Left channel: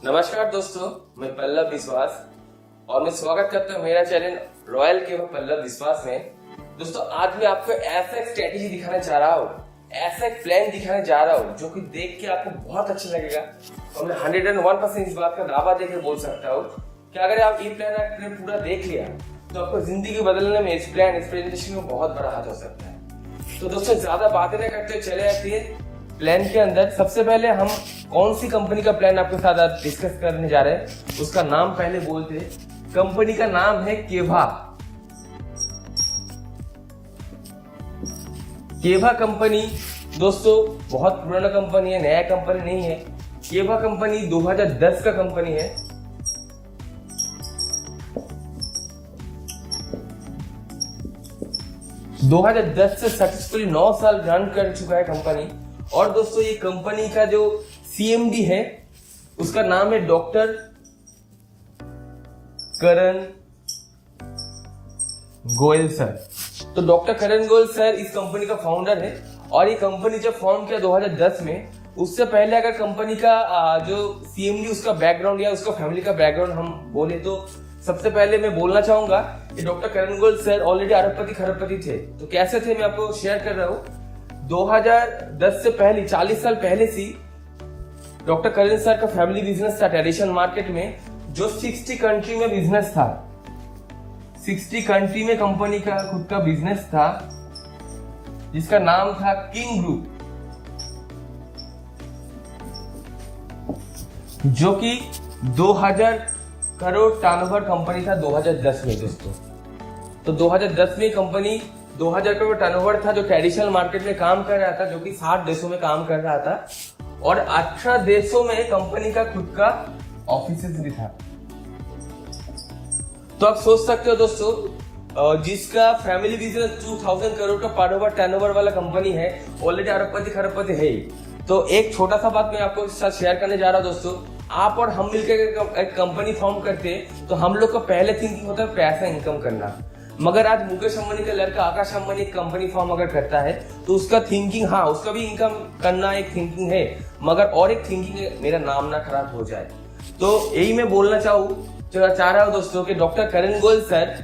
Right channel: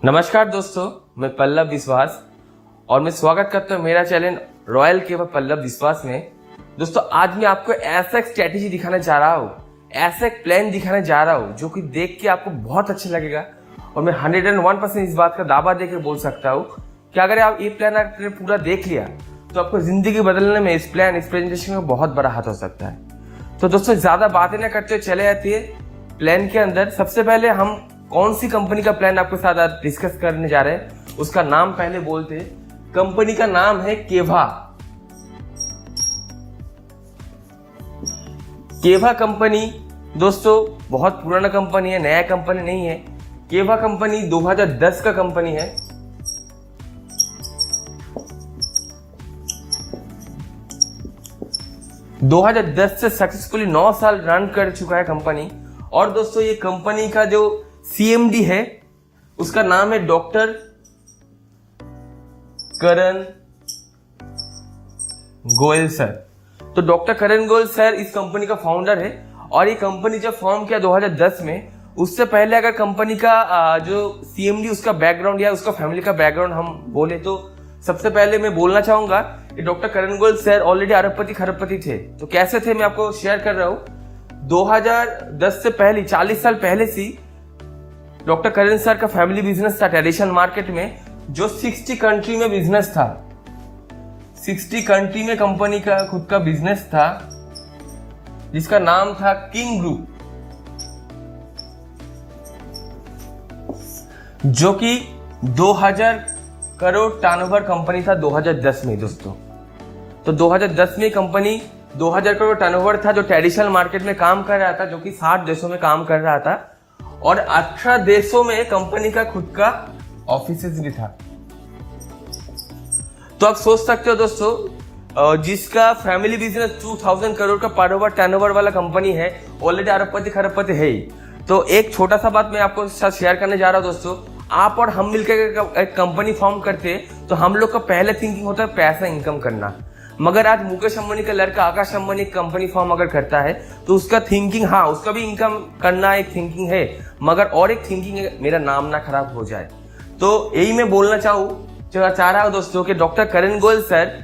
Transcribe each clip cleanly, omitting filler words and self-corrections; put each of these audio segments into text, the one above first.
नमस्कार दोस्तों, मैं पल्लव विश्वास और मैं स्वागत करता हूं मेरा चैनल रॉयल केवल पल्लव विश्वास में। दोस्तों, आज मैं आपको ऐसा एक स्ट्रेटेजी दिखाना चाह रहा हूं, ऐसा एक प्लान दिखाने जा रहा हूं जो कि देख के आपको बहुत अच्छा लगेगा और मैं 101% इस बात का दावा देकर बोल सकता हूं कि अगर आप ये प्लान आपने पूरा देख लिया तो आपको जिंदगी बदलने में इस प्रेजेंटेशन में बहुत बड़ा हाथ हो सकता है। तो दोस्तों, ज्यादा बातें ना करते हुए चले जाती है प्लान के अंदर। सबसे पहले हम कौन सी कंपनी का प्लान आपके साथ आज डिस्कस करने जा रहे हैं उसका नाम पहले बोलते हैं। कंपनी का नाम है केवा। केवा कंपनी दोस्तों बहुत पुराना कंपनी है, नया कंपनी नहीं है। केवा कंपनी 2010 का कंपनी है। दो 2010 से सक्सेसफुली 9 साल रन कर चुका है कंपनी। और दोस्तों, ये कंपनी का जो सीएमडी है उसका नाम है डॉक्टर करण गोयल सर। तो डॉक्टर करण गोयल सर इस कंपनी का फाउंडर है और ये कंपनी जब फॉर्म किया 2010 में, उससे पहले अगर कंपनी का जो सीएमडी उसका बैकग्राउंड या उसका फैमिली का बैकग्राउंड हम बोले तो सबसे पहले मैं बोलना चाहूंगा कि डॉक्टर करण गोयल सर ऑलरेडी अरबपति खरबपति थे। तो कैसे थे मैं आपको शेयर कर रहा हूं। 2010 से पहले 40 साल पहले से डॉक्टर करण सर का फैमिली बिजनेस था ट्रेडिशनल मार्केट में, जो 60 कंट्री में बिजनेस था। 60 कंट्री में कंपनी का खुद का बिजनेस था जिसका नाम था किंग ग्रुप, जो कि 2000 करोड़ टर्नओवर कंपनी था 2010 में दोस्तों। तो 2010 में कंपनी 2000 करोड़ टर्नओवर था, जो ट्रेडिशनल मार्केट में काम कर रहा था, जो कि 60 देशों में काम कर रहा था और 18 देशों में कंपनी का खुद का ऑफिसेस भी था। तो आप सोच सकते हो दोस्तों, जिसका फैमिली बिजनेस 2000 करोड़ का पर ओवर टर्नओवर वाला कंपनी है, ऑलरेडी अरबपति खरबपति है ही। तो एक छोटा सा बात मैं आपको साथ शेयर करने जा रहा हूं दोस्तों। आप और हम मिलकर एक कंपनी फॉर्म करते हैं तो हम लोग का पहले थिंकिंग होता है पैसा इनकम करना। मगर आज मुकेश अंबानी का लड़का आकाश अंबानी एक कंपनी फॉर्म अगर करता है तो उसका थिंकिंग, हाँ उसका भी इनकम करना एक थिंकिंग है, मगर और एक थिंकिंग है मेरा नाम ना खराब हो जाए। तो यही मैं बोलना चाह रहा हूँ दोस्तों कि डॉक्टर करण गोयल सर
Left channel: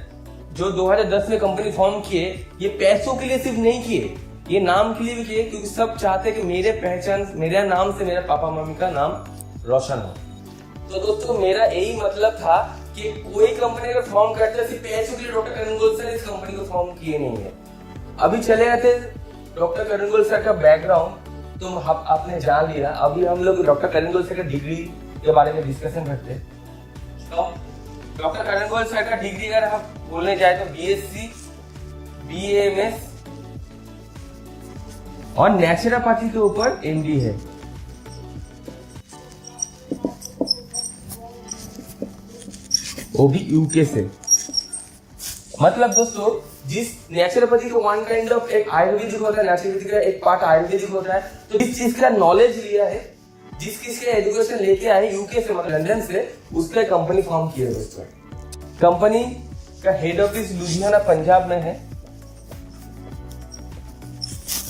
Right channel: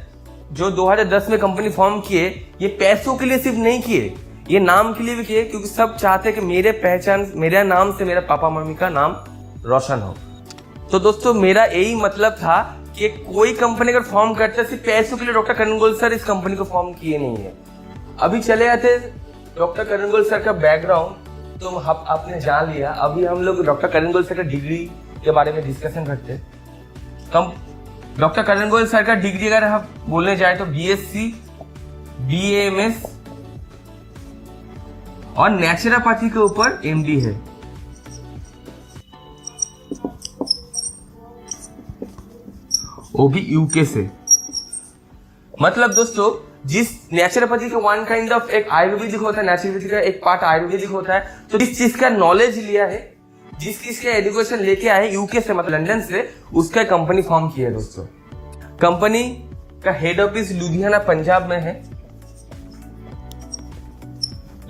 जो 2010 में कंपनी फॉर्म किए, ये पैसों के लिए सिर्फ नहीं किए, ये नाम के लिए भी किए, क्योंकि सब चाहते कि मेरे नाम से मेरा पापा मम्मी का नाम रोशन हो। तो दोस्तों, मेरा यही मतलब था कि कोई कंपनी अगर फॉर्म करता है सिर्फ पैसों के लिए, डॉक्टर करण गोयल सर इस कंपनी को फॉर्म किए नहीं है। अभी चले जाते डॉक्टर करण गोयल सर का बैकग्राउंड तो आपने जान लिया। अभी हम लोग डॉक्टर करण गोयल सर का डिग्री के बारे में डिस्कशन करते हैं। डॉक्टर करण गोयल सर का डिग्री अगर हम बोलने जाए तो बीएससी, बीएएमएस और नेचुरोपैथी के ऊपर एमडी है। वो भी यूके से। मतलब दोस्तों, जिस नेचुरोपैथी का वन काइंड ऑफ एक आयुर्वेदिक होता है, नेचुरोपैथी का एक पार्ट आयुर्वेदिक होता है। तो जिस चीज का नॉलेज लिया है, जिस चीज का एजुकेशन लेके आए यूके से, मतलब लंदन से, उसका कंपनी फॉर्म किया है दोस्तों। कंपनी का हेड ऑफिस लुधियाना पंजाब में है।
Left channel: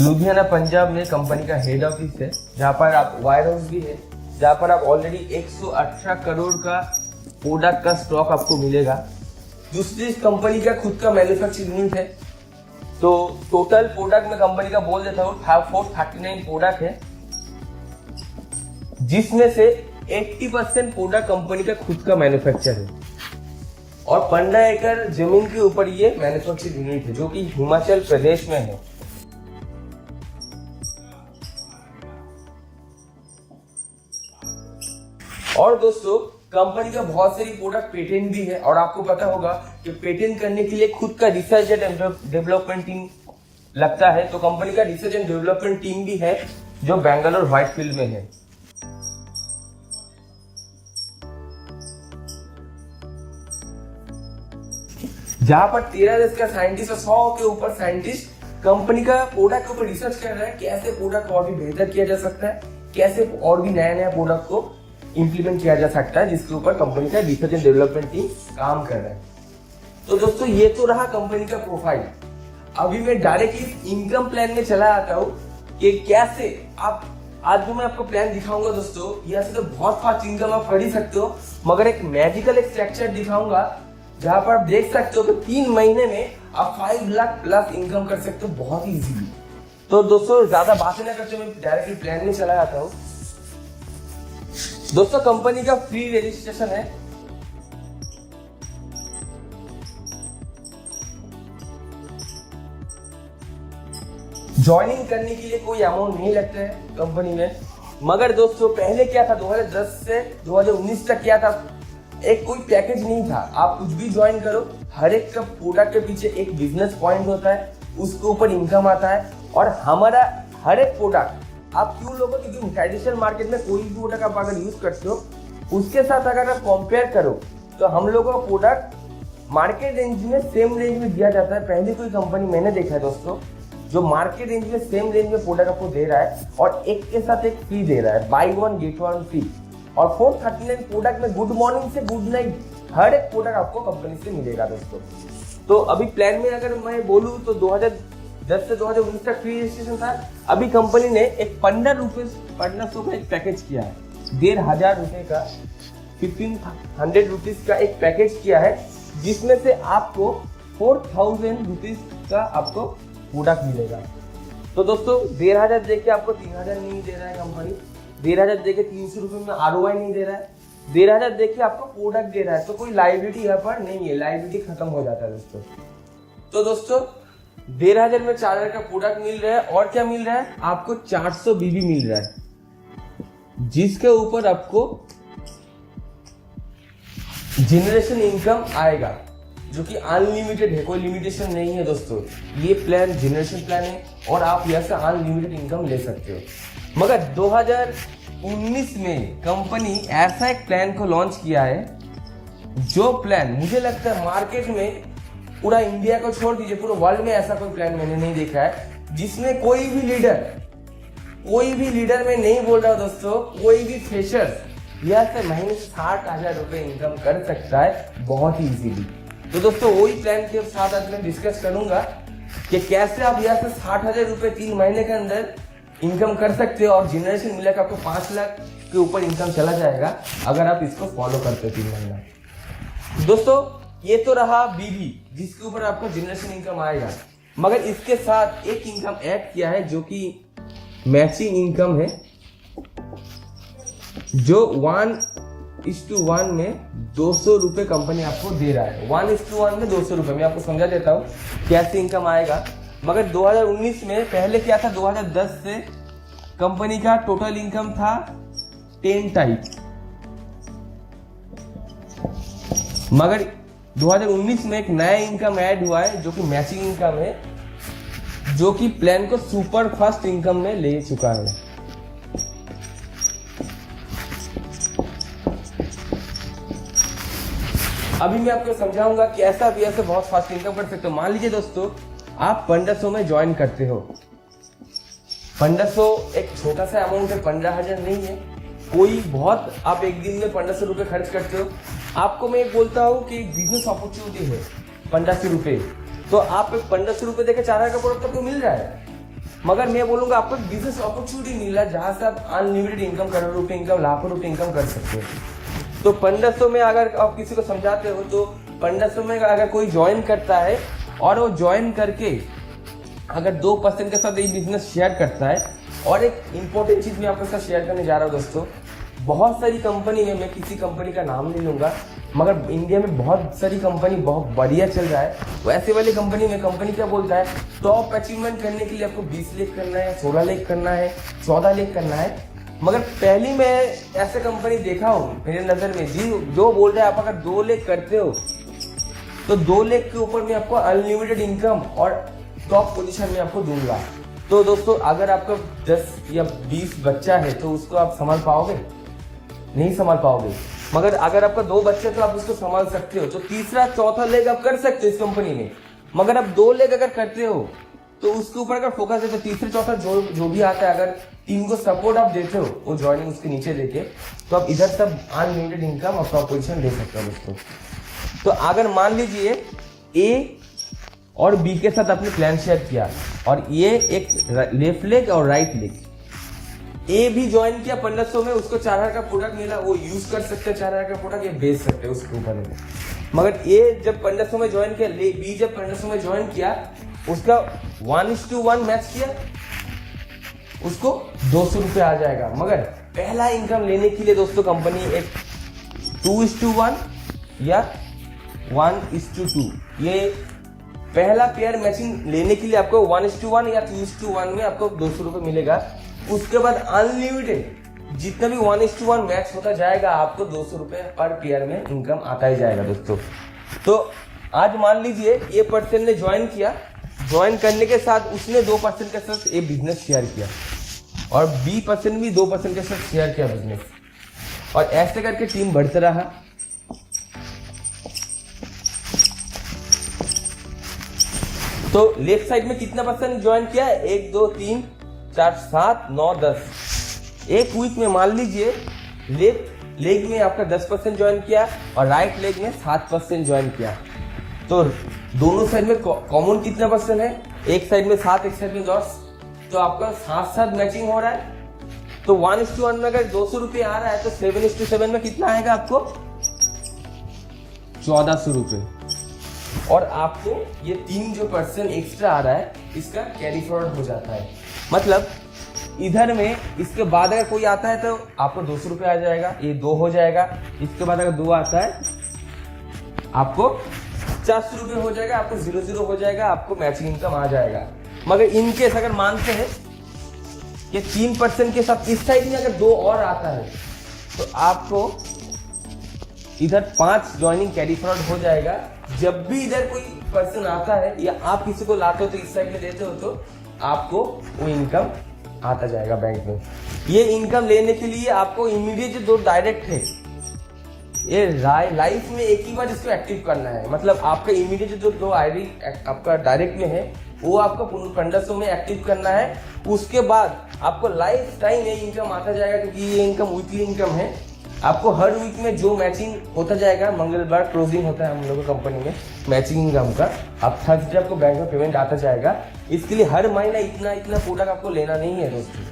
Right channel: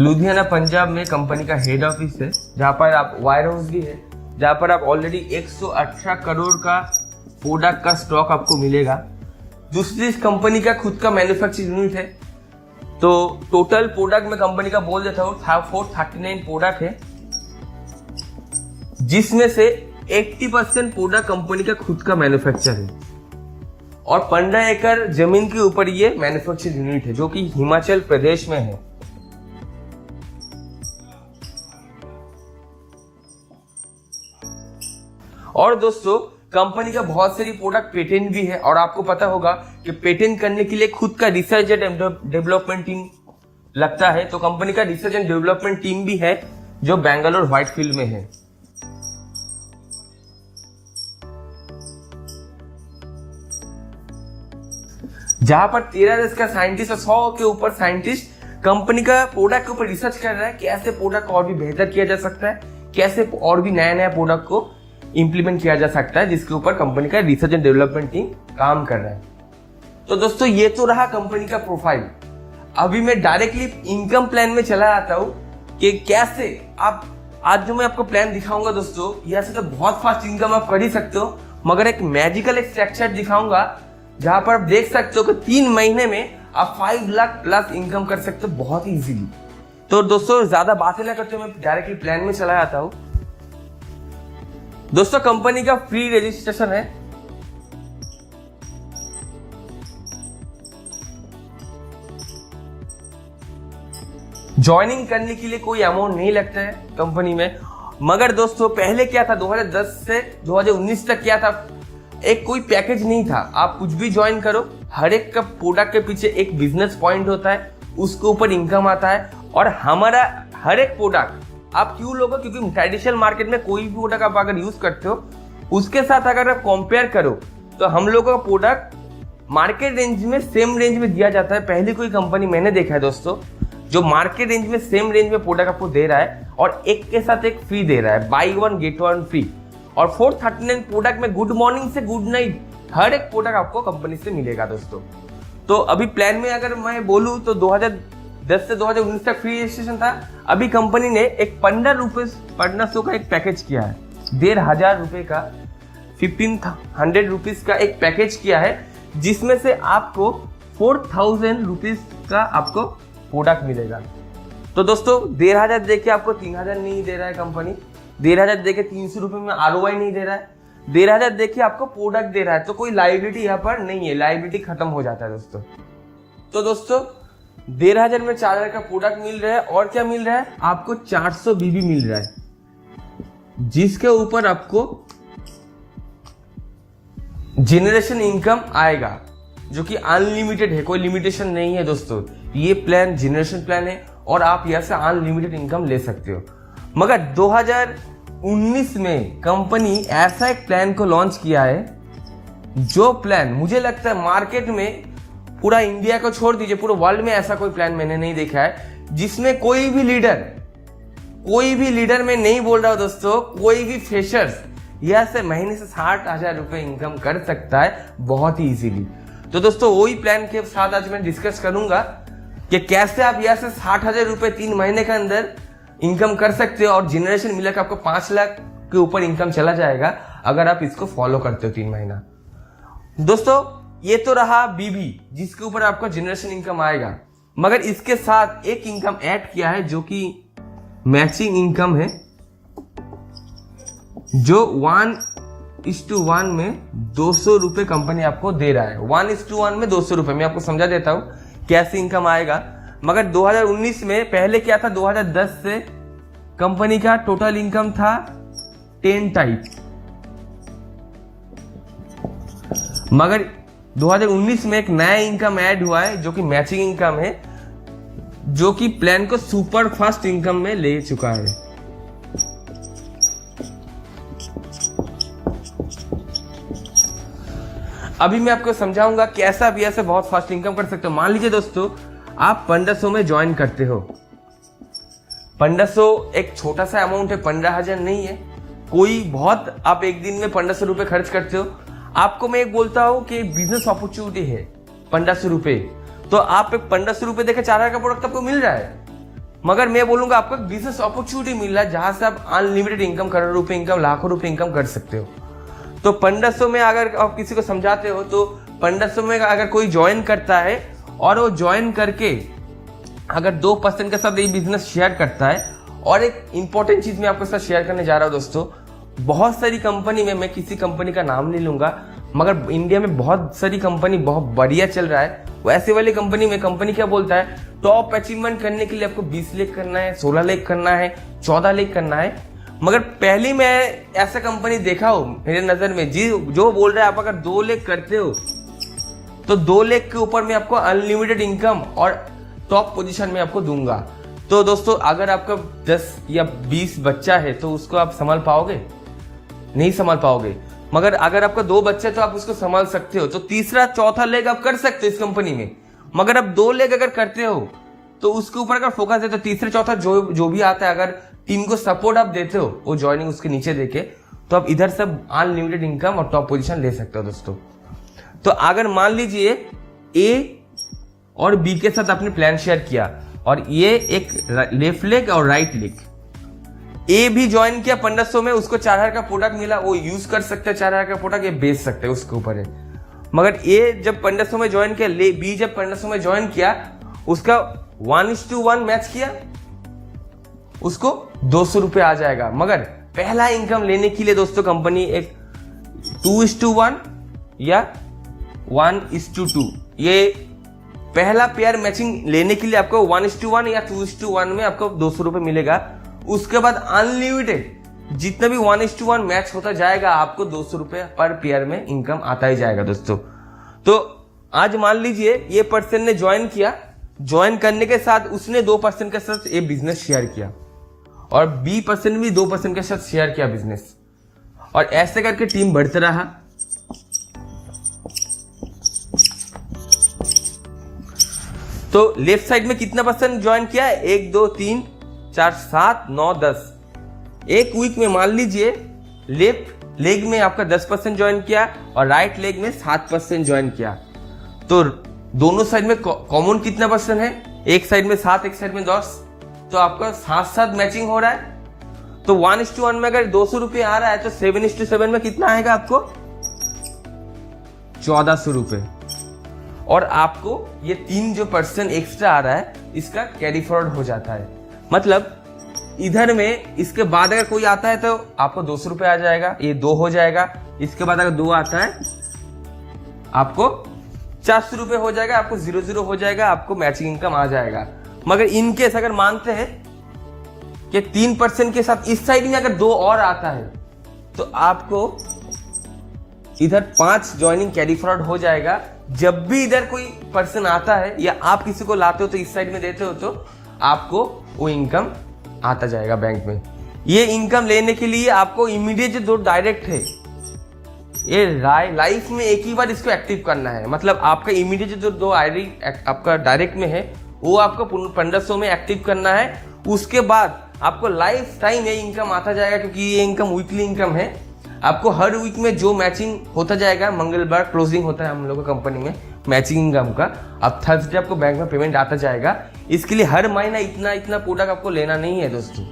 लुधियाना पंजाब में कंपनी का हेड ऑफिस है, जहां पर आप वायर हाउस भी है, जहां पर आप ऑलरेडी 118 करोड़ का प्रोडक्ट का स्टॉक आपको मिलेगा। दूसरी कंपनी का खुद का मैन्युफैक्चरिंग यूनिट है। तो टोटल प्रोडक्ट में कंपनी का बोल देता हूँ 439 प्रोडक्ट है, जिसमें से 80% प्रोडक्ट कंपनी का खुद का मैन्युफैक्चर है और 15 एकड़ जमीन के ऊपर ये मैन्युफैक्चरिंग यूनिट है, जो कि हिमाचल प्रदेश में है। और दोस्तों, कंपनी का बहुत सारी प्रोडक्ट पेटेंट भी है और आपको पता होगा कि पेटेंट करने के लिए खुद का रिसर्च एंड डेवलपमेंट टीम लगता है। तो कंपनी का रिसर्च एंड डेवलपमेंट टीम भी है जो बेंगलोर व्हाइटफील्ड में है। जहां पर 13 देश का साइंटिस्ट और 100 के ऊपर साइंटिस्ट कंपनी का प्रोडक्ट के ऊपर रिसर्च कर रहा है, कैसे प्रोडक्ट को और भी बेहतर किया जा सकता है, कैसे और भी नया प्रोडक्ट को इंप्लीमेंट किया जा सकता है, जिसके ऊपर कंपनी का रिसर्च एंड डेवलपमेंट टीम काम कर रहा है। तो दोस्तों, ये तो रहा कंपनी का प्रोफाइल। अभी मैं डायरेक्टली इनकम प्लान में चला आता हूं कि कैसे आप आज जो मैं आपको प्लान दिखाऊंगा दोस्तों, यहाँ से तो बहुत फास्ट इनकम आप कर ही सकते हो, मगर एक मैजिकल एक स्ट्रक्चर दिखाऊंगा जहां पर आप देख सकते हो कि 3 महीने में आप 5 लाख प्लस इनकम कर सकते हो बहुत ही इजीली। तो दोस्तों ज्यादा बातें ना करते मैं डायरेक्टली प्लान में चला जाता हूं। दोस्तों कंपनी का फ्री रजिस्ट्रेशन है। ज्वाइनिंग करने के लिए कोई अमाउंट नहीं लगता है कंपनी में। मगर दोस्तों पहले क्या था, 2010 से 2019 तक क्या था, एक कोई पैकेज नहीं था। आप कुछ भी ज्वाइन करो, हर एक का प्रोडक्ट के पीछे एक बिजनेस पॉइंट होता है, उसके ऊपर इनकम आता है। और हमारा हर एक प्रोडक्ट आप क्यों लोगे, क्योंकि ट्रेडिशनल मार्केट में कोई भी प्रोडक्ट आप अगर यूज करते हो उसके साथ अगर आप कंपेयर करो तो हम लोगों का प्रोडक्ट मार्केट रेंज में सेम रेंज में दिया जाता है। पहले कोई कंपनी मैंने देखा है दोस्तों जो मार्केट रेंज में सेम रेंज में प्रोडक्ट आपको दे रहा है और एक के साथ एक फ्री दे रहा है, बाई 1 गेट 1 फ्री। और 439 प्रोडक्ट में गुड मॉर्निंग से गुड नाइट हर एक प्रोडक्ट आपको कंपनी से मिलेगा दोस्तों। तो अभी प्लान में अगर मैं बोलूं तो 2010 से 2019 तक फ्री रजिस्ट्रेशन था। अभी कंपनी ने एक 1500 का एक पैकेज किया है, 1500 रुपए का, 1500 रुपीज का एक पैकेज किया है, जिसमें से आपको 4000 रुपीज का आपको प्रोडक्ट मिलेगा। तो दोस्तों 1500 देके आपको 3000 नहीं दे रहा है कंपनी, 1500 देके 300 रुपए में ROI नहीं दे रहा है, 1500 देके आपको प्रोडक्ट दे रहा है। तो कोई लाइबिलिटी यहाँ पर नहीं है, लाइबिलिटी खत्म हो जाता है दोस्तों। तो दोस्तों 1500 में 4000 का प्रोडक्ट मिल रहा है और क्या मिल रहा है आपको, 400 BB मिल रहा है, जिसके ऊपर आपको जनरेशन इनकम आएगा जो कि अनलिमिटेड है, कोई लिमिटेशन नहीं है दोस्तों। ये प्लान जनरेशन प्लान है और आप यहाँ से अनलिमिटेड इनकम ले सकते हो। मगर 2019 में कंपनी ऐसा एक प्लान को लॉन्च किया है जो प्लान मुझे लगता है मार्केट में पूरा इंडिया को छोड़ दीजिए, पूरे वर्ल्ड में ऐसा कोई प्लान मैंने नहीं देखा है जिसमें कोई भी लीडर में नहीं बोल रहा हूं दोस्तों, कोई भी फ्रेशर्स यहाँ से महीने से 60,000 रुपए इनकम कर सकता है बहुत ही इजीली। तो दोस्तों वही प्लान के साथ आज मैं डिस्कस करूंगा कि कैसे आप यहाँ से 60,000 रुपए 3 महीने के अंदर इनकम कर सकते हो और जनरेशन मिलेगा आपको 5 लाख के ऊपर इनकम चला जाएगा अगर आप इसको फॉलो करते हो 3 महीना। दोस्तों ये तो रहा BB जिसके ऊपर आपको जनरेशन इनकम आएगा, मगर इसके साथ एक इनकम ऐड किया है जो कि मैचिंग इनकम है, जो 1:1 में 200 रुपए कंपनी आपको दे रहा है। 1:1 में 200 रुपए, मैं आपको समझा देता हूं कैसे इनकम आएगा। मगर 2019 में पहले क्या था, 2010 से कंपनी का टोटल इनकम था 10 टाइप, मगर 2019 में एक नया इनकम ऐड हुआ है जो कि मैचिंग इनकम है, जो कि प्लान को सुपर फास्ट इनकम में ले चुका है। अभी मैं आपको समझाऊंगा कैसा भी ऐसे बहुत फास्ट इनकम कर सकते हो। मान लीजिए दोस्तों आप 1500 में ज्वाइन करते हो, 1500 एक छोटा सा अमाउंट है, 15,000 नहीं है कोई बहुत। आप एक दिन में 1500 रुपए खर्च करते हो, आपको मैं एक बोलता हूँ कि बिजनेस अपॉर्चुनिटी है 1500 रुपए, तो आप 1500 रुपए देकर 4,000 का प्रोडक्ट आपको मिल रहा है। मगर मैं बोलूंगा आपको बिजनेस अपॉर्चुनिटी मिल रहा है जहां से आप अनलिमिटेड इनकम, करोड़ों रुपए इनकम, लाखों रुपए इनकम कर सकते हो। तो 1500 में अगर आप किसी को समझाते हो तो 1500 में अगर कोई ज्वाइन करता है और वो ज्वाइन करके अगर 2% के साथ ये बिजनेस शेयर करता है। और एक इंपॉर्टेंट चीज मैं आपके साथ शेयर करने जा रहा हूँ दोस्तों, बहुत सारी कंपनी में, मैं किसी कंपनी का नाम नहीं लूंगा, मगर इंडिया में बहुत सारी कंपनी बहुत बढ़िया चल रहा है। वैसे वाली कंपनी में कंपनी क्या बोलता है, टॉप अचीवमेंट करने के लिए आपको 20 लाख करना है, 16 लाख करना है, 14 लाख करना है। मगर पहली मैं ऐसा कंपनी देखा हूं मेरे नजर में जो बोल रहा है आप अगर 2 लाख करते हो तो 2 लाख के ऊपर मैं आपको अनलिमिटेड इनकम और टॉप पोजीशन में आपको दूंगा। तो दोस्तों अगर आपका 10 या 20 बच्चा है तो उसको आप संभाल पाओगे? नहीं संभाल पाओगे। मगर अगर आपका 2 बच्चे तो आप उसको संभाल सकते हो। तो तीसरा चौथा लेग आप कर सकते हो इस कंपनी में। मगर आप 2 लेग अगर करते हो तो उसके ऊपर अगर फोकस है तो तीसरे चौथा जो भी आता है, अगर टीम को सपोर्ट आप देते हो वो ज्वाइनिंग उसके नीचे देके, तो आप इधर से अनलिमिटेड इनकम और टॉप पोजीशन ले सकते हो दोस्तों। तो अगर मान लीजिए ए और बी के साथ आपने प्लान शेयर किया और ये एक लेफ्ट लेग और राइट लेग, ए भी ज्वाइन किया 1500 में, उसको 4000 का प्रोडक्ट मिला, वो यूज कर सकते हैं 4000 का प्रोडक्ट, ये बेच सकते हैं, उसके ऊपर है। मगर ए जब 1500 में ज्वाइन किया, बी जब 1500 में ज्वाइन किया, उसका 1:1 मैच किया, उसको 200 रुपये आ जाएगा। मगर पहला इनकम लेने के लिए दोस्तों कंपनी एक 2:1 या 1:2, ये पहला पेयर मैचिंग लेने के लिए आपको 1:1 या 2:1 में आपको 200 रुपये मिलेगा। उसके बाद अनलिमिटेड जितना भी 1:1 मैच होता जाएगा, आपको 200 रुपये पर पेयर में इनकम आता ही जाएगा दोस्तों। तो आज मान लीजिए ये पर्सन ने ज्वाइन किया, ज्वाइन करने के साथ उसने 2% के साथ ये बिजनेस शेयर किया, और बी पर्सन भी 2% के साथ शेयर किया बिजनेस, और ऐसे करके टीम बढ़ता रहा। तो लेफ्ट साइड में कितना पर्सन ज्वाइन किया? 1 2 3 4 7 9 10। एक वीक में मान लीजिए लेफ्ट लेग में आपका 10% ज्वाइन किया और राइट लेग में 7% ज्वाइन किया। तो दोनों साइड में कॉमन कितना पर्सन है? एक साइड में 7, एक साइड में 10। तो आपका 7-7 मैचिंग हो रहा है। तो 1:1 में अगर 200 रुपये आ रहा है तो 7:7 में कितना आएगा आपको? 1400 रुपये। और आपको ये 3 जो पर्सन एक्स्ट्रा आ रहा है इसका कैरी फॉरवर्ड हो जाता है। मतलब इधर में इसके बाद अगर कोई आता है तो आपको 200 रुपये आ जाएगा, ये 2 हो जाएगा। इसके बाद अगर 2 आता है आपको 400 रुपये हो जाएगा, आपको 0-0 हो जाएगा, आपको मैचिंग इनकम आ जाएगा। मगर इनकेस अगर मानते हैं कि 3% के साथ इस साइड में अगर 2 और आता है तो आपको इधर 5 ज्वाइनिंग कैरी फॉरवर्ड हो जाएगा। जब भी इधर कोई पर्सन आता है या आप किसी को लाते हो तो इस साइड में देते हो तो आपको वो इनकम आता जाएगा बैंक में। ये इनकम लेने के लिए आपको इमीडिएट जो 2 डायरेक्ट है, ये लाइफ में एक ही बार इसको एक्टिव करना है। मतलब आपका इमीडिएट जो 2 आईडी आपका डायरेक्ट में है वो आपको 1500 में एक्टिव करना है। उसके बाद आपको लाइफ टाइम ये इनकम आता जाएगा, क्योंकि ये इनकम वीकली इनकम है। आपको हर वीक में जो मैचिंग होता जाएगा, मंगलवार क्लोजिंग होता है हम लोगों की कंपनी में मैचिंग इनकम का, अब थर्सडे आपको बैंक में पेमेंट आता जाएगा। इसके लिए हर महीना इतना प्रोडक्ट आपको लेना नहीं है दोस्तों।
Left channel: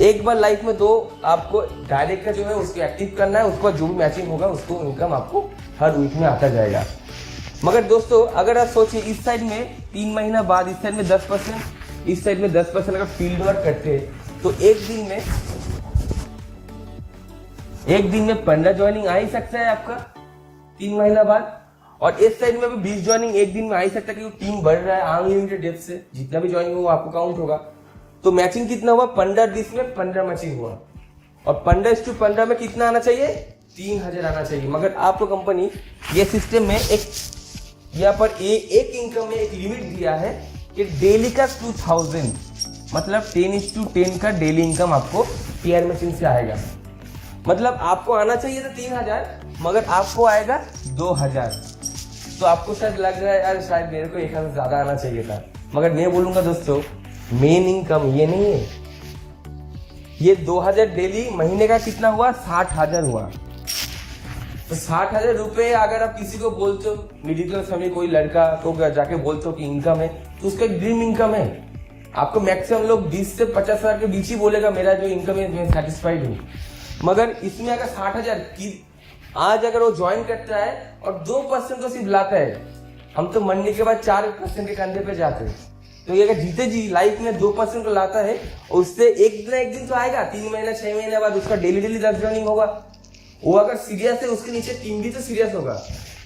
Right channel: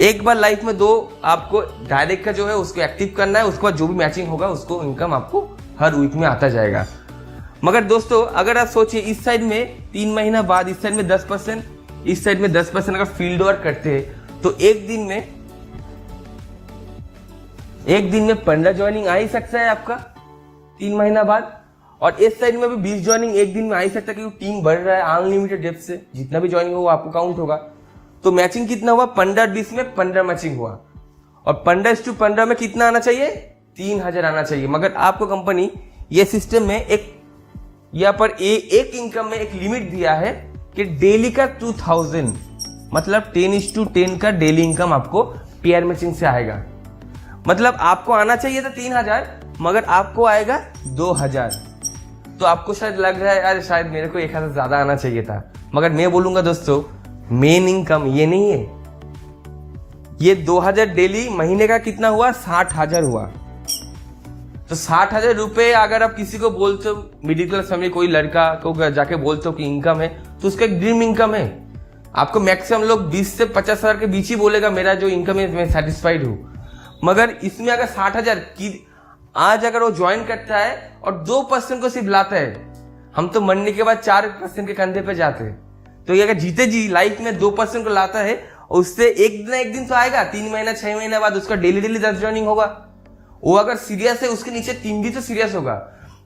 एक बार लाइफ में 2 आपको डायरेक्ट का जो है उसको एक्टिव करना है, उसके बाद जो भी मैचिंग होगा उसको इनकम आपको हर वीक में आता जाएगा। मगर दोस्तों अगर आप सोचिए इस साइड में 3 महीना बाद इस साइड में 10%, इस साइड में 10% अगर फील्ड वर्क करते हैं तो एक दिन में 15 ज्वाइनिंग आ ही सकता है आपका 3 महीना बाद। और इस साइड में भी 20 ज्वाइनिंग एक दिन में आ ही सकता है, क्योंकि टीम बढ़ रहा है अनलिमिटेड डेप्थ से। जितना भी ज्वाइनिंग होगा आपको काउंट होगा। तो मैचिंग कितना हुआ? 15-20 में 15 मैचिंग हुआ, और 15:15 में कितना आना चाहिए? 3000 आना चाहिए। मगर आपको कंपनी ये सिस्टम में एक यहाँ पर एक इनकम में एक लिमिट दिया है कि डेली का 2000, मतलब 10:10 का डेली इनकम आपको पेयर मैचिंग से आएगा। मतलब आपको आना चाहिए था 3000, मगर आपको आएगा 2000। तो आपको शायद लग रहा है यार शायद मेरे को 1000 ज्यादा आना चाहिए था। मगर मैं बोलूंगा दोस्तों मेन इनकम ये नहीं है। ये 2000 डेली महीने का कितना हुआ? 60,000 हुआ। तो 60,000 रुपये अगर आप किसी को बोलते हो, मिडिल क्लास फैमिली कोई लड़का को जाके बोलते हो कि इनकम है, तो उसका एक ड्रीम इनकम है। आपको मैक्सिमम लोग 20 से 50,000 के बीच ही बोलेगा मेरा जो इनकम है मैं सेटिस्फाइड हूँ। मगर इसमें अगर 60,000 की आज अगर वो ज्वाइन करता है और 2% को सिर्फ लाता है, हम तो मरने के बाद 4% के कंधे पे जाते हैं। तो ये अगर जीते जी लाइफ में 2% को लाता है, उससे एक दिन तो आएगा। 3 महीना 6 महीने बाद उसका डेली 10 ज्वाइनिंग होगा। वो अगर सीरियस है उसके नीचे टीम भी तो सीरियस होगा,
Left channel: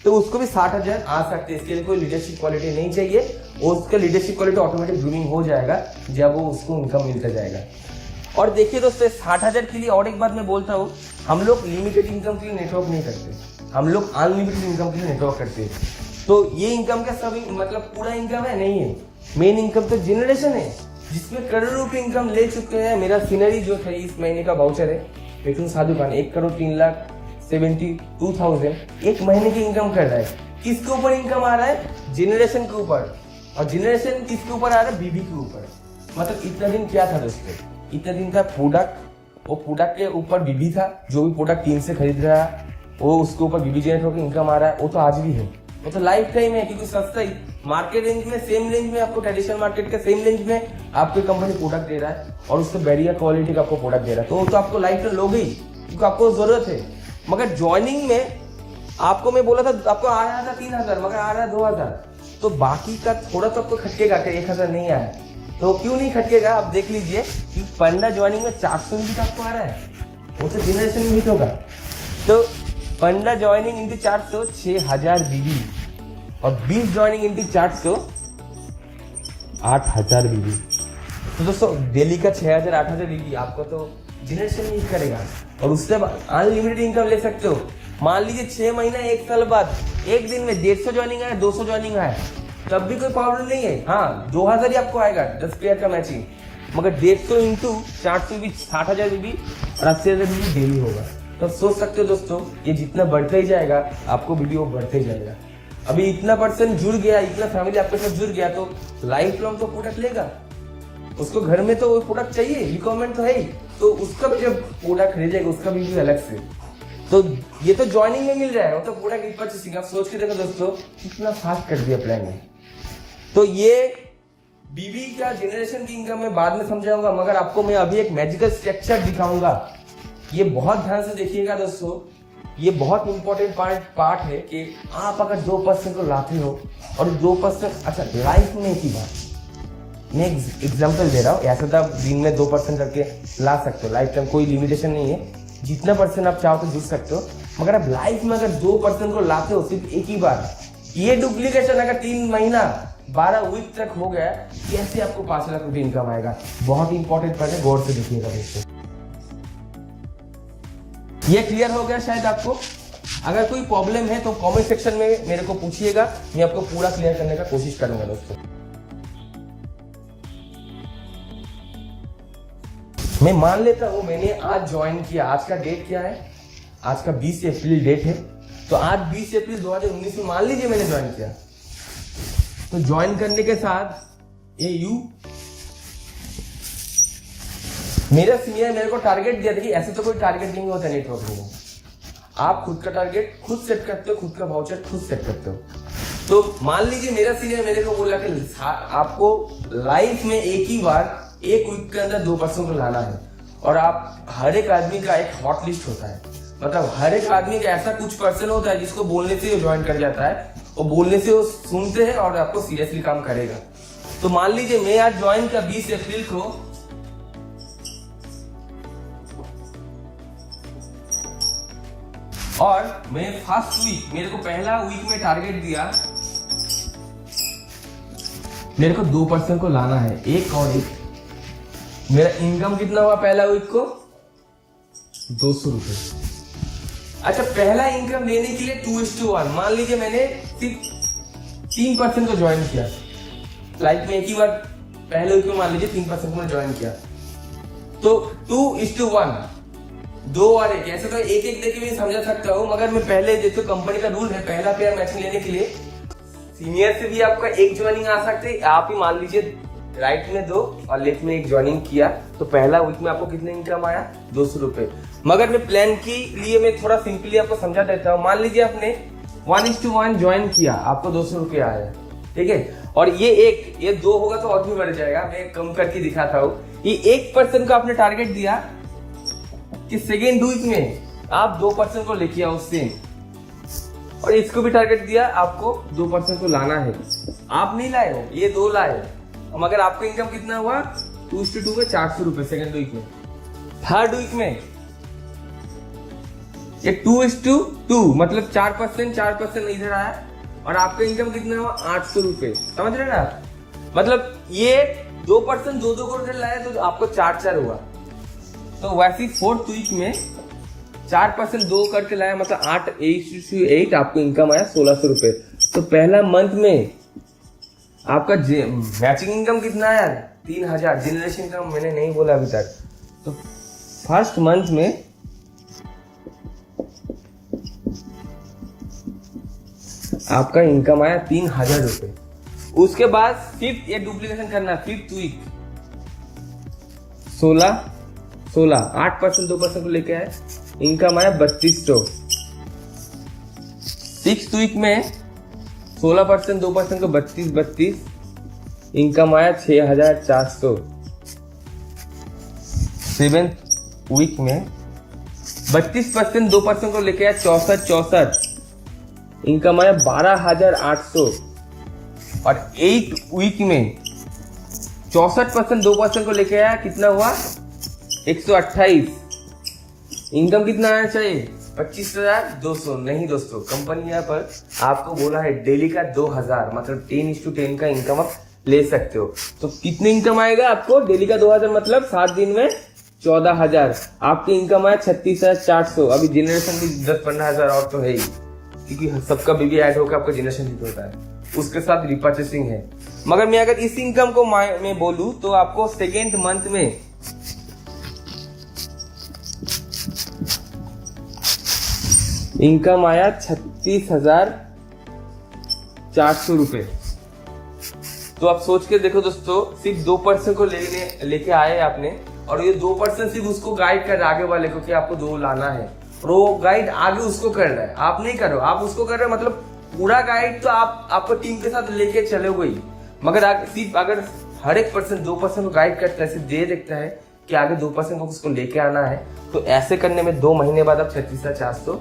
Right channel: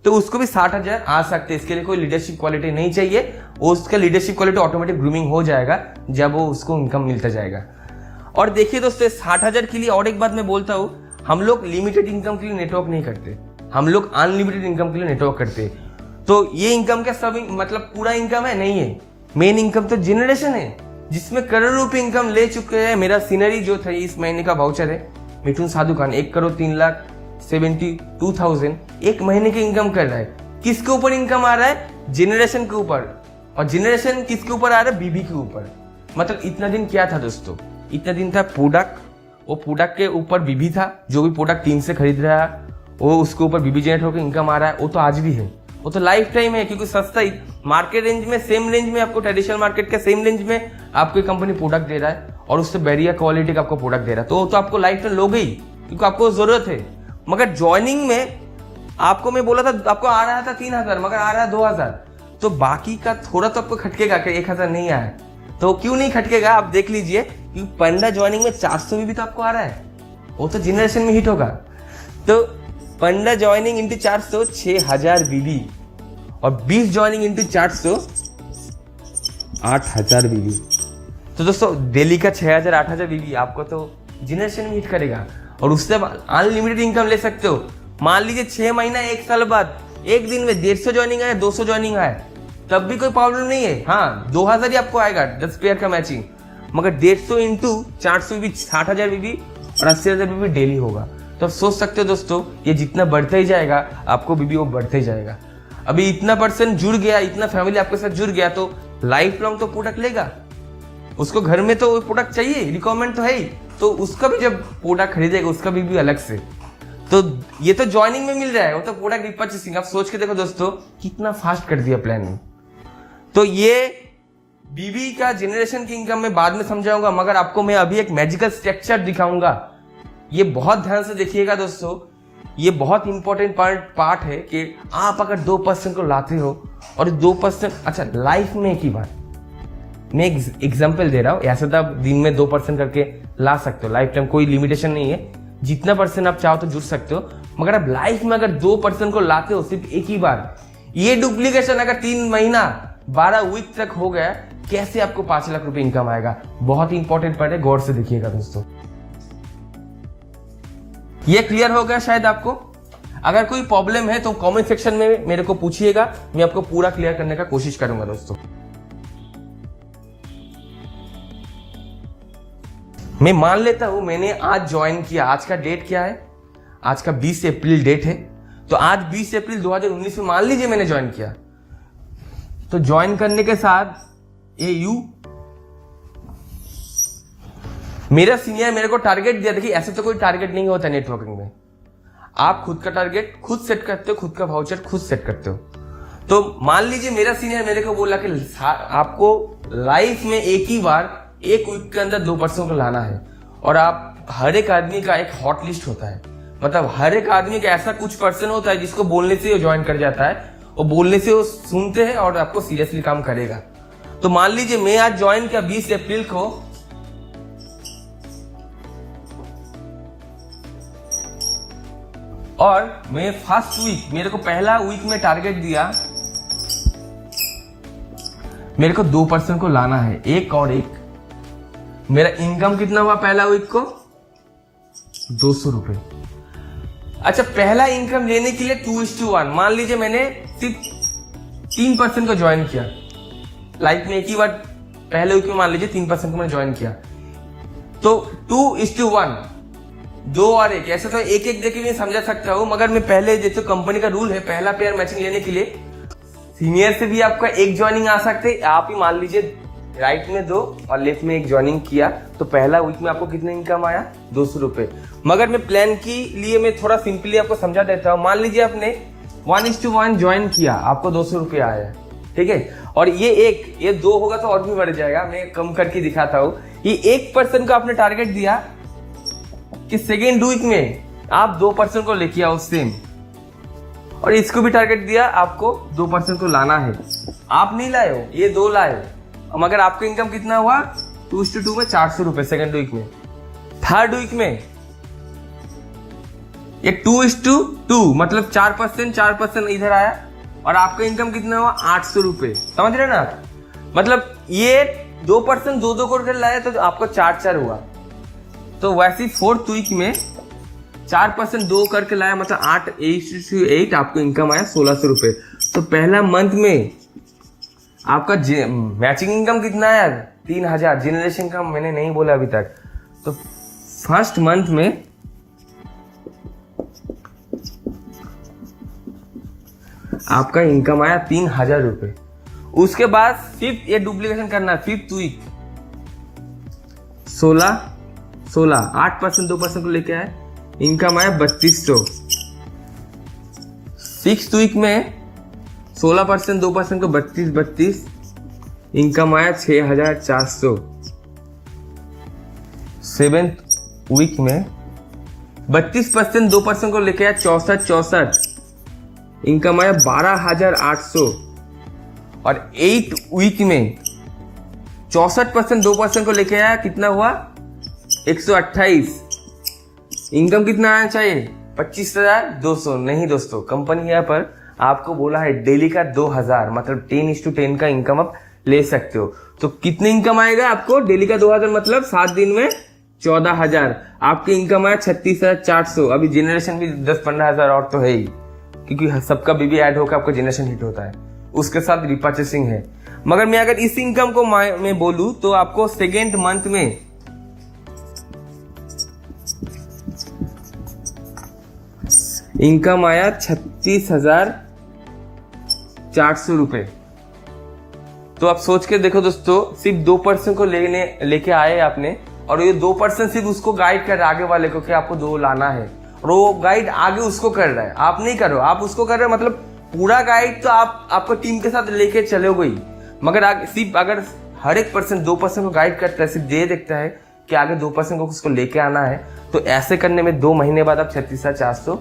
तो उसको भी 60,000 आ सकते हैं। इसके लिए कोई लीडरशिप क्वालिटी नहीं चाहिए, उसका लीडरशिप क्वालिटी ऑटोमेटिक ग्रूमिंग हो जाएगा जब वो उसको इनकम मिलता जाएगा। और देखिए दोस्तों 60,000 के लिए और एक बात मैं बोलता हूँ, हम लोग लिमिटेड इनकम के लिए नेटवर्क नहीं करते, हम लोग अनलिमिटेड इनकम के लिए नेटवर्क करते हैं। तो ये इनकम का सब मतलब पूरा इनकम है नहीं है। मेन इनकम तो जनरेशन है, जिसमें करोड़ों रुपए इनकम ले चुके हैं। मेरा सीनरी जो था इस महीने का वाउचर है मिथुन साधु खान, 1,03,72,000 एक महीने की इनकम कर रहा है। किसके ऊपर इनकम आ रहा है? जनरेशन के ऊपर। और जनरेशन किसके ऊपर आ रहा है? बीबी के ऊपर। मतलब इतना दिन क्या था दोस्तों? इतना दिन था प्रोडक्ट, वो प्रोडक्ट के ऊपर बीबी था। जो भी प्रोडक्ट 3 से खरीद रहा है वो उसके ऊपर बीबी जनरेट होकर इनकम आ रहा है, वो तो आज भी है। वो तो लाइफ टाइम है, क्योंकि सस्ता ही मार्केट रेंज में, सेम रेंज में आपको, ट्रेडिशनल मार्केट के सेम रेंज में आपकी कंपनी प्रोडक्ट दे रहा है और उससे बढ़िया क्वालिटी का आपको प्रोडक्ट दे रहा है, तो आपको लाइफ टाइम लोगे ही, क्योंकि आपको जरूरत है। मगर ज्वाइनिंग में आपको मैं बोला था आपको आ रहा था 3,000, मगर आ रहा है 2,000, तो बाकी का थोड़ा तो आपको खटकेगा कि 1,000 नहीं आया, तो क्यों नहीं खटकेगा आप देख लीजिए, क्योंकि पंडा ज्वाइनिंग में 400 में भी तो आपको आ रहा है, वो तो जनरेशन में हिट होगा। तो पंडा ज्वाइनिंग इंटू 400 6,000 बीबी, और 20 ज्वाइनिंग इंटू 400 8,000 बीबी। तो दोस्तों डेली का 6,000 8,000 बीबी आपको तो जनरेशन में हिट करेगा, और उससे अनलिमिटेड इनकम ले सकते हो। मान लीजिए 6 महीना 1 साल बाद एक दिन में 150 ज्वाइनिंग आए, 200 ज्वाइनिंग आए, तब भी कोई प्रॉब्लम नहीं है। हाँ 2,000 ही आपको आएगा 10 पेयर का मैचिंग, मगर 150 इंटू 400 भी 60,000 बीबी और 80,000 बीबी डेली होगा। तो आप सोच सकते हो दोस्तों, ये जितना बढ़ते ही जाएगा आपको बीबी वो बढ़ते ही जाएगा। अभी इतना पर्सन जुड़ गया, इतना फैमिली आपके साथ जुड़ गया, तो लाइफ लॉन्ग तो प्रोडक्ट लेगा, उसको घर में तो वो प्रोडक्ट चाहिए, रिक्वायरमेंट तो है ही, तो उसका भी जब प्रोडक्ट खरीदेगा उसका भी अलग से। तो ये तो ज्वाइनिंग में मिल रहा है, वो तो प्रोडक्ट रिपर्चेसिंग। आप सोच के देखो दोस्तों कितना फास्ट कर दिया प्लान में। तो ये बीबी का जनरेशन की इनकम मैं बाद में समझाऊंगा, मगर आपको मैं अभी एक मैजिकल स्ट्रक्चर दिखाऊंगा। ये बहुत ध्यान से देखिएगा दोस्तों, ये बहुत इंपॉर्टेंट पार्ट है कि आप अगर 2% को लाते हो और 2%, अच्छा लाइफ में एक ही बार मैं एग्जांपल दे रहा हूँ, ऐसा तो आप दिन में 2% करके ला सकते हो, लाइफ टाइम कोई लिमिटेशन नहीं है, जितना परसेंट आप चाहो तो जुड़ सकते हो। मगर आप लाइफ में अगर 2% को लाते हो सिर्फ एक ही बार, ये डुप्लीकेशन अगर 3 महीना 12 वीक तक हो गया, कैसे आपको 5 लाख रुपए इनकम आएगा? बहुत इंपॉर्टेंट पार्ट है, गौर से देखिएगा दोस्तों। ये क्लियर हो गया शायद आपको? अगर कोई प्रॉब्लम है तो कमेंट सेक्शन में मेरे को पूछिएगा, मैं आपको पूरा क्लियर करने का कोशिश करूंगा दोस्तों। मैं मान लेता हूं मैंने आज ज्वाइन किया, आज का डेट क्या है? आज का 20 अप्रैल डेट है, तो आज 20 अप्रैल 2019 में मान लीजिए मैंने ज्वाइन किया, तो ज्वाइन करने के साथ मेरा सीनियर मेरे को टारगेट दिया। देखिए ऐसे तो कोई टारगेट नहीं होता नेटवर्किंग में, आप खुद का टारगेट खुद सेट करते हो, खुद का वाउचर खुद सेट करते हो। तो मान लीजिए मेरा सीनियर मेरे को बोला कि आपको लाइफ में एक ही बार 1 वीक के अंदर 2% को लाना है, और आप हर एक आदमी का एक हॉट लिस्ट होता है, मतलब हर एक आदमी का ऐसा कुछ पर्सन होता है जिसको बोलने से वो ज्वाइन कर जाता है, और बोलने से वो सुनते हैं और आपको सीरियसली काम करेगा। तो मान लीजिए मैं आज ज्वाइन किया 20 अप्रैल को, और मैं फर्स्ट वीक, मेरे को पहला वीक में टारगेट दिया, मेरे को 2% को लाना है, एक और एक। मेरा इनकम कितना हुआ पहला वीक को? 200 रुपए। अच्छा पहला इनकम लेने के लिए 2:1, मान लीजिए मैंने सिर्फ 3% को ज्वाइन किया, लाइफ में एक ही बार पहले वीक में मान लीजिए 3% को मैंने ज्वाइन किया, तो 2:1, 2 और 1, ऐसे तो एक एक देके मैं समझा सकता हूँ, मगर मैं पहले जैसे कंपनी का रूल है, पहला पेयर मैचिंग लेने के लिए सीनियर से भी आपका एक ज्वाइनिंग आ सकते हैं। आप ही मान लीजिए राइट में 2 और लेफ्ट में 1 ज्वाइनिंग किया, तो पहला वीक में आपको कितने इनकम आया? 200 रुपए। मगर मैं प्लान के लिए मैं थोड़ा सिंपली आपको समझा देता हूँ। मान लीजिए आपने 1:1 ज्वाइन किया, आपको 200 रुपए आया, ठीक है, और ये 2 होगा तो और भी बढ़ जाएगा, मैं कम करके दिखाता हूँ। ये 1% का आपने टारगेट दिया कि सेकेंड वीक में आप 2% को लेके आओ सेम, और इसको भी टारगेट दिया आपको 2% को लाना है, आप नहीं लाए हो, ये 2 लाए, मगर आपका इनकम कितना हुआ? 2:2 में 400 रुपए सेकेंड वीक में। थर्ड वीक में ये 2:2, मतलब 4% इधर आया, और आपका इनकम कितना हुआ? 800 रुपए। समझ रहे ना? मतलब ये 2% 2 करके लाया तो आपको 4 हुआ। तो वैसे 4th वीक में 4% 2 करके लाया, मतलब 8 आपको इनकम आया 1600 रुपए। तो पहला मंथ में आपका मैचिंग इनकम कितना है? 3,000। जनरेशन का मैंने नहीं बोला अभी तक। तो फर्स्ट मंथ में आपका इनकम आया 3,000 रुपए। उसके बाद फिफ्थ, ये डुप्लीकेशन करना, 5th वीक 16 8% 2% को लेके आए, इनकम आया 3200। 6th वीक में 16% 2% को 32 इनकम आया 6400। 7th वीक में 32% 2% को लेके आया 64 इनकम आया 12800। और 8 वीक में 64% 2% को लेके आया कितना हुआ 128। इनकम कितना आना चाहिए 25,200। नहीं दोस्तों, कंपनी यहाँ पर आपको बोला है डेली का 2000, मतलब 10:10 का इनकम आप ले सकते हो। तो कितने इनकम आएगा आपको डेली का 2000, मतलब 7 दिन में 14,000। आपकी इनकम आया 36,400। अभी जनरेशन भी 10-15 हजार और तो है ही, क्योंकि सबका बीबी ऐड होकर आपका जनरेशन हिट होता है, उसके साथ रिपर्चेसिंग है। मगर मैं अगर इस इनकम को मैं बोलूं तो आपको सेकेंड मंथ में इनकम आया 36,400 रुपए। तो आप सोच के देखो दोस्तों, सिर्फ 2% को लेके आए आपने, और ये 2% सिर्फ उसको गाइड कर रहा है आगे वाले को कि आपको 2 लाना है, और वो गाइड आगे उसको कर रहा है, आप नहीं कर रहे हो, आप उसको कर रहे हो। मतलब पूरा गाइड तो आपको टीम के साथ लेके चलोगे ही, मगर सिर्फ अगर हर एक पर्सन 2% को गाइड करता है, सिर्फ ये देखता है कि आगे 2% को उसको लेके आना है, तो ऐसे करने में 2 महीने बाद अब 36,400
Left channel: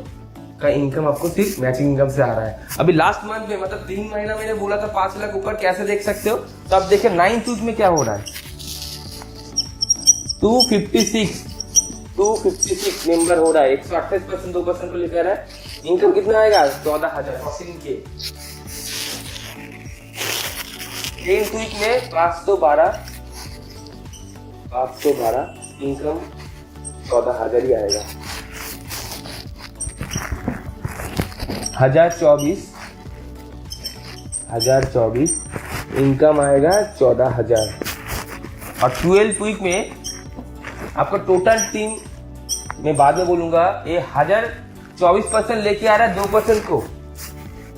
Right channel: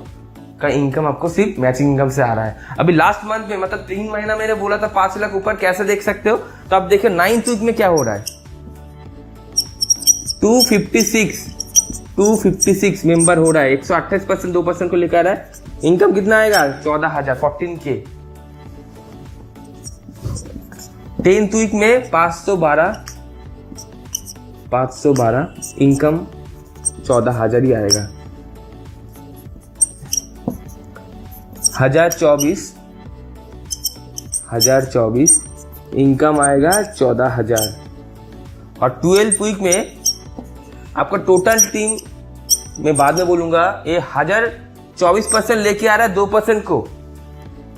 का इनकम आपको सिर्फ मैचिंग इनकम से आ रहा है। अभी लास्ट मंथ में, मतलब 3 महीना मैंने बोला था 5 लाख ऊपर कैसे देख सकते हो, तो अब देखिए 9th वीक में क्या हो रहा है। 256 मेंबर हो रहा है, 128% 2% को लेकर है। इनकम कितना आएगा 14,000, 14K। 10th वीक में 512 इनकम 14,000 ही आएगा। 1024 इनकम आएगा 14,000। और 12th वीक में आपका टोटल टीम, मैं बाद में बोलूंगा, ये 1024% लेके आ रहा है 2% को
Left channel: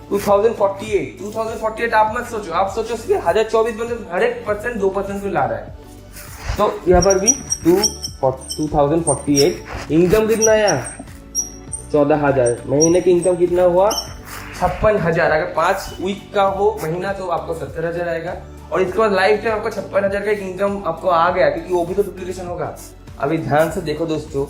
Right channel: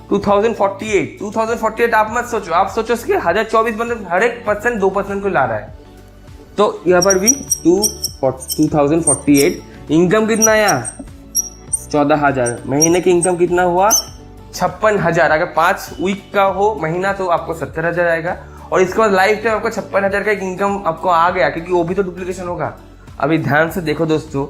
2048 आप मत सोचो, आप सोचो कि 1024 मतलब हर एक पर्सन 2% को ला रहा है। तो यहाँ पर भी 2048 इनकम कितना आया 14,000। महीने की इनकम कितना हुआ 56,000। अगर 5 वीक का हो महीना तो आपको 70,000 आएगा, और इसके बाद लाइफ टाइम आपको 56,000 का एक इनकम आपको आ गया, क्योंकि वो भी तो डुप्लीकेशन होगा। अभी ध्यान से देखो दोस्तों,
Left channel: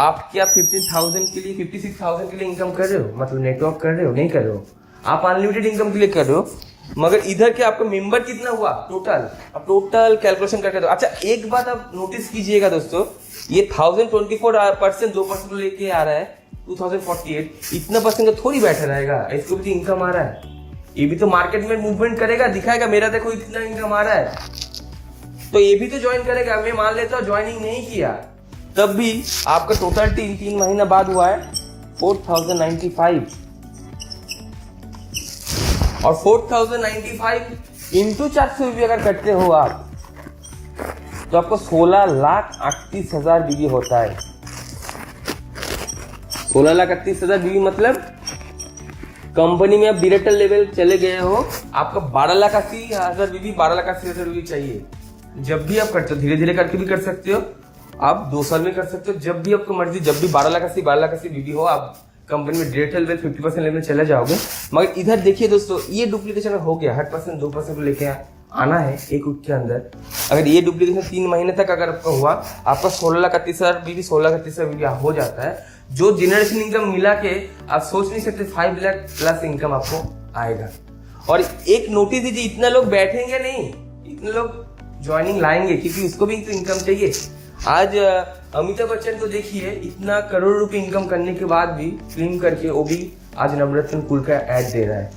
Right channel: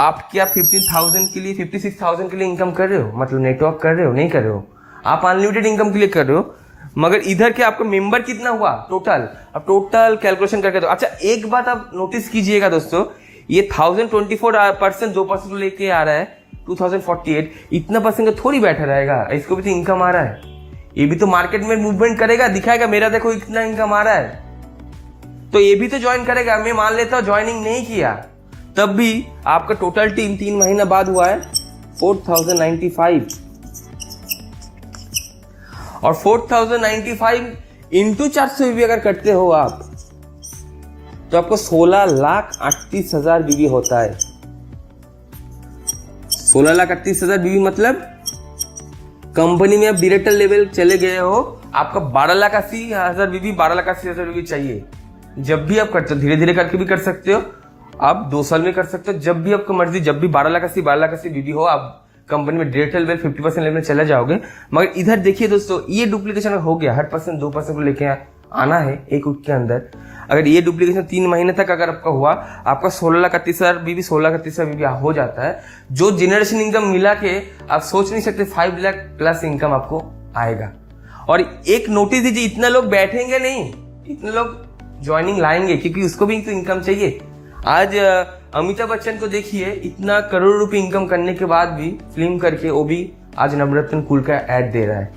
आप क्या 15,000 के लिए 56,000 के लिए इनकम कर रहे हो, मतलब नेटवर्क कर रहे हो, नहीं कर रहे हो, आप अनलिमिटेड इनकम के लिए कर रहे हो। मगर इधर के आपको मेंबर कितना हुआ टोटल, अब टोटल कैलकुलेशन करके दो। अच्छा, एक बात आप नोटिस कीजिएगा दोस्तों, ये 1024% 2% लेके आ रहा है 2048, इतना परसेंट का थोड़ी बैठा रहेगा, इसको भी तो इनकम आ रहा है, ये भी तो मार्केट में मूवमेंट करेगा, दिखाएगा मेरा देखो इतना इनकम आ रहा है, तो ये भी तो ज्वाइन करेगा। मैं मान लेता हूँ ज्वाइनिंग नहीं किया, तब भी आपका टोटल टीम 3 महीना बाद हुआ है 4,095, और 4,095 इंटू 400 बीबी अगर करते हो आप, तो आपको 16,38,000 बीबी होता है। 16,38,000 बीबी मतलब कंपनी में आप डायरेक्टर लेवल चले गए हो, आपका 12,80,000 बीबी 12,80,000 बीबी चाहिए। जब भी आप करते हो, धीरे धीरे करके भी कर सकते हो, आप 2 साल में कर सकते हो, जब भी आपको मर्जी, जब भी 12,80,000 बीबी हो, आप कंपनी में डायरेक्टर लेवल 50% लेवल में चले जाओगे। मगर इधर देखिए दोस्तों, ये डुप्लीकेशन हो गया, 100% 2% को लेके आना है एक वीक के अंदर। अगर ये डुप्लीकेशन 3 महीने तक अगर आपका हुआ, आपका 16,31,000 बीबी 16,31,000 बीबी हो जाता है, जो जनरेशन इनकम मिला के आप सोच नहीं सकते 5 लाख प्लस इनकम आपको आएगा। और एक नोटिस दीजिए, इतना लोग बैठेंगे नहीं, इतने लोग ज्वाइनिंग लाएंगे, क्योंकि उसको भी तो इनकम चाहिए। आज अमिताभ बच्चन तो देखिए, इतना करोड़ रुपए इनकम करने के बाद भी फिल्म करके वो भी आज नवरत्न कूल का ऐड दे रहा है,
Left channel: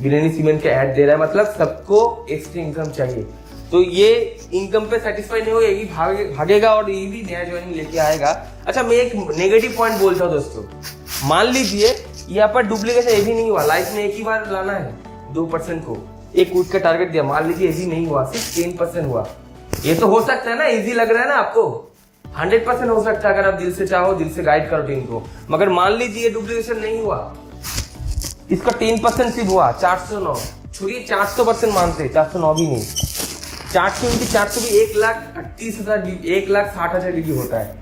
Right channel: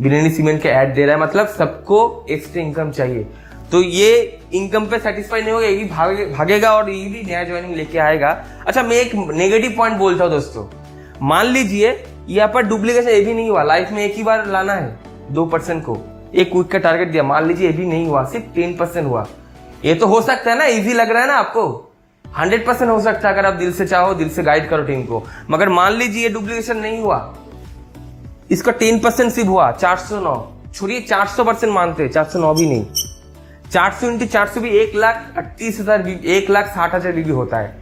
बिरयानी सीमेंट का ऐड दे रहा है, मतलब सबको एक्स्ट्रा इनकम चाहिए। तो ये इनकम पे सेटिस्फाई नहीं होगा, ये भी भागेगा और ये भी नया ज्वाइनिंग लेके आएगा। अच्छा, मैं एक नेगेटिव पॉइंट बोलता हूँ दोस्तों, मान लीजिए यहाँ पर डुप्लीकेशन ये भी नहीं हुआ, लाइफ में एक ही बार लाना है 2% को, एक वीक का टारगेट दिया, मान लीजिए ये भी नहीं हुआ, सिर्फ 10% हुआ, ये तो हो सकता है ना, इजी लग रहा है ना आपको, 100% हो सकता है अगर आप दिल से चाहो, दिल से गाइड करो टीम को। मगर मान लीजिए ये डुप्लीकेशन नहीं हुआ, इसका 10% सिर्फ हुआ, 409, छोड़िए 400% मानते हैं, 409 भी नहीं, 400 × 400 भी 1,38,000 1,60,000 बीबी होता है।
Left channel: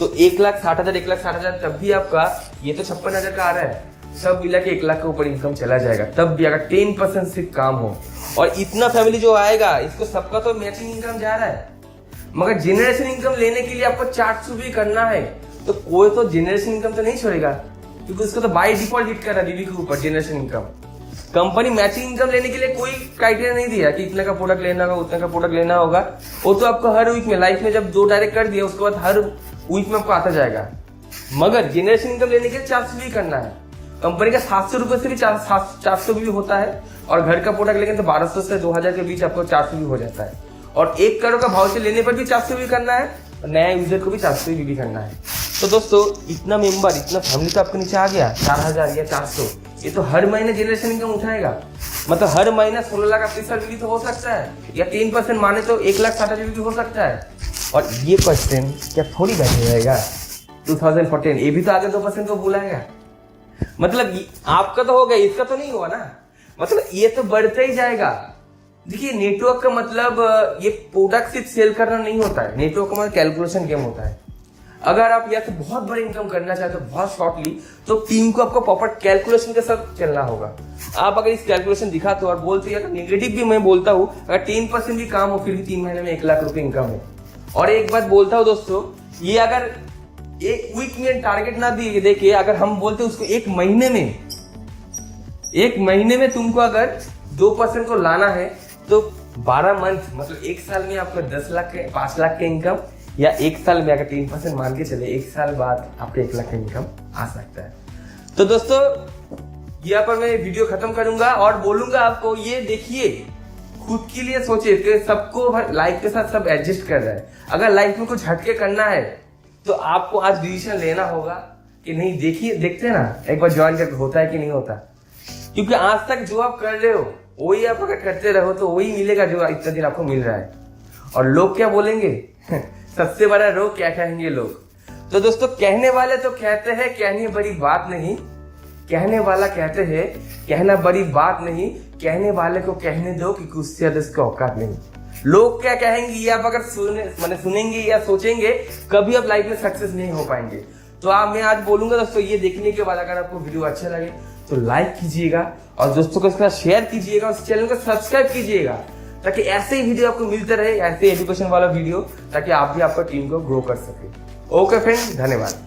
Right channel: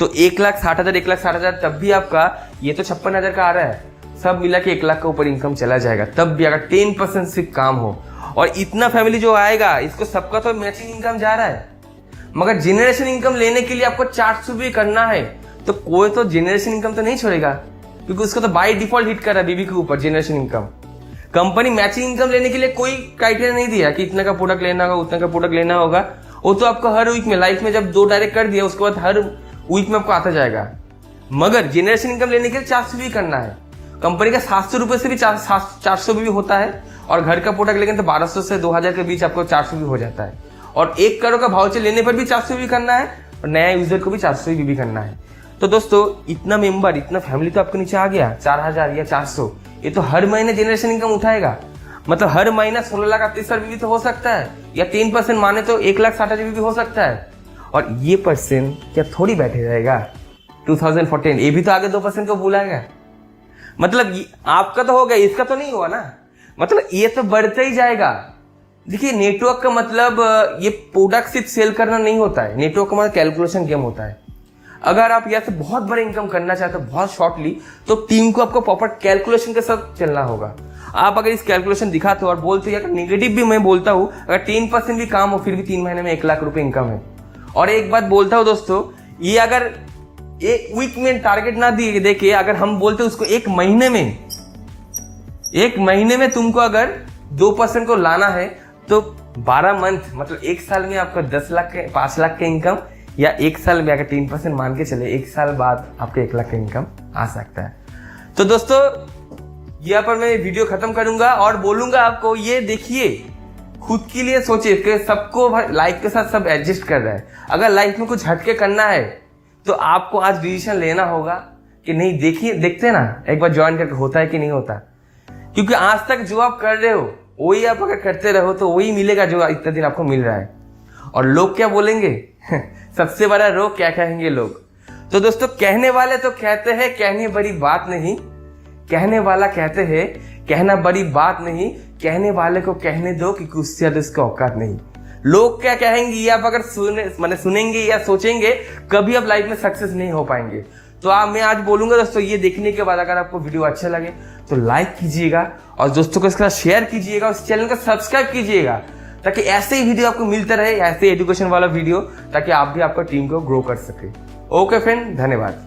तो 1,60,000 1,60,000 तब भी आपका ये तो 56,000 का आ रहा है, सब मिला के 1 लाख के ऊपर इनकम चला जाएगा, तब भी अगर 10% सिर्फ काम हो। और इतना फैमिली जो आएगा इसको सबका तो मैचिंग इनकम जा रहा है, मगर जनरेशन इनकम लेने के लिए आपको 400 भी करना है, तो कोई तो जनरेशन इनकम तो नहीं छोड़ेगा, क्योंकि उसको तो बाय डिफॉल्ट हिट कर रहा है बीबी के ऊपर generation income. Company matching income लेने के लिए कोई क्राइटेरिया नहीं दिया कि इतने का प्रोडक्ट लेना होगा, उतने का प्रोडक्ट लेना होगा। वो तो आपको हर वीक में, लाइफ में जब 2 डायरेक्ट कर दिया उसके बाद हर वीक में आपको आता जाएगा। मगर जनरेशन इनकम लेने के लिए 400 भी करना है। कंपनी का 700 रुपए से भी 400 भी होता है, और घर का प्रोडक्ट लेंगे तो 1200 से 2000 के बीच आपको 400 भी हो जाता है। और 1 करोड़ का भाव से लेने पर भी 400 भी करना है, और नया यूजर को भी 400 भी करना है। तो दोस्तों इतना मेंबर, इतना फैमिली तो आपके नीचे आ गया, 4000 या 400, ये तो हर महीने जनरेशन इनकम उठाएगा। मतलब हर महीना 16 लाख आपकी सर भी तो हो सकता है, या 3% माने तो 1,60,000 भी हो सकता है। और ये परसेंट क्या थोड़ी बैठे रहेगा 2014, ये भी तो आगे 2% को भूलाएगा। मतलब आपका तो हो गया, इसका तो नहीं हुआ ना, मतलब ये तो बढ़ता ही जाएगा। देखिए नेटवर्क का मतलब ये प्रोडक्ट सिर्फ सेल करना नहीं होता है, नेटवर्क का मतलब कैलकुलेशन गेम होता है। अगर आप यहाँ से बहुत बड़ा इनकम करना चाहते हो बहुत शॉर्टली, तो टीम को आपको प्रॉपर कैलकुलेशन के साथ चलना होगा। आप अगर इस कैलकुलेशन दिखाते हो और बोलते हो, अगर नेगेटिव भी मैं बोलता हूँ, अगर 10% भी काम हो फिर भी 3 महीने में 1 लाख रुपए इनकम है। और एक बात बोलता हूँ दोस्तों, ये अगर एक वीक में टारगेट ना दिए, देखिए अगर हम बोलते उसको एक महीने में तुमको अगर 2% को लाना है, तो 12 मंथ मतलब 1 साल में आपका 10 लाख के 5 लाख के इनकम, या 1 साल में अगर 3% मान के चले 1 साल बाद आपके 1 लाख का इनकम आ सकता है। तो दोस्तों यहाँ पर मैं वीडियो खत्म करूंगा और बोलूंगा आपको, ये देखिए खुद के लिए सोचिए, सबको लाइफ के साथ सब एडजस्ट कर रहा है। अगर लाइफ में कुछ हटके करना है तो आपको आज डिसीजन लेना होगा कि नहीं। देखिए देखते ना एक बार ज्वाइन करके होता है कि नहीं होता, क्योंकि आज तक जो आप कर रहे हो वही आप अगर करते रहो तो वही मिलेगा जो इतना दिन आपको मिल रहा है। और लोग क्या बोलेंगे सबसे बड़ा रोग क्या कहेंगे लोग। तो दोस्तों कहने वाले तो कहते हैं कहने बड़ी बात नहीं, कहने वाला कहते हैं कहना बड़ी बात नहीं, कहने वाले को कहने दो क्योंकि उससे ज्यादा उसका औकात नहीं। लोग क्या कहेंगे ये आप अगर सुनेंगे या सोचेंगे, कभी आप लाइफ में सक्सेस नहीं हो पाएंगे। तो मैं आज बोलूंगा दोस्तों, ये देखने के बाद अगर आपको वीडियो अच्छा लगे तो लाइक कीजिएगा और दोस्तों को इसका शेयर कीजिएगा, उस चैनल को सब्सक्राइब कीजिएगा, ताकि ऐसे ही वीडियो आपको मिलता रहे, ऐसे एजुकेशन वाला वीडियो, ताकि आप भी आपका टीम को ग्रो कर सके। ओके फ्रेंड, धन्यवाद।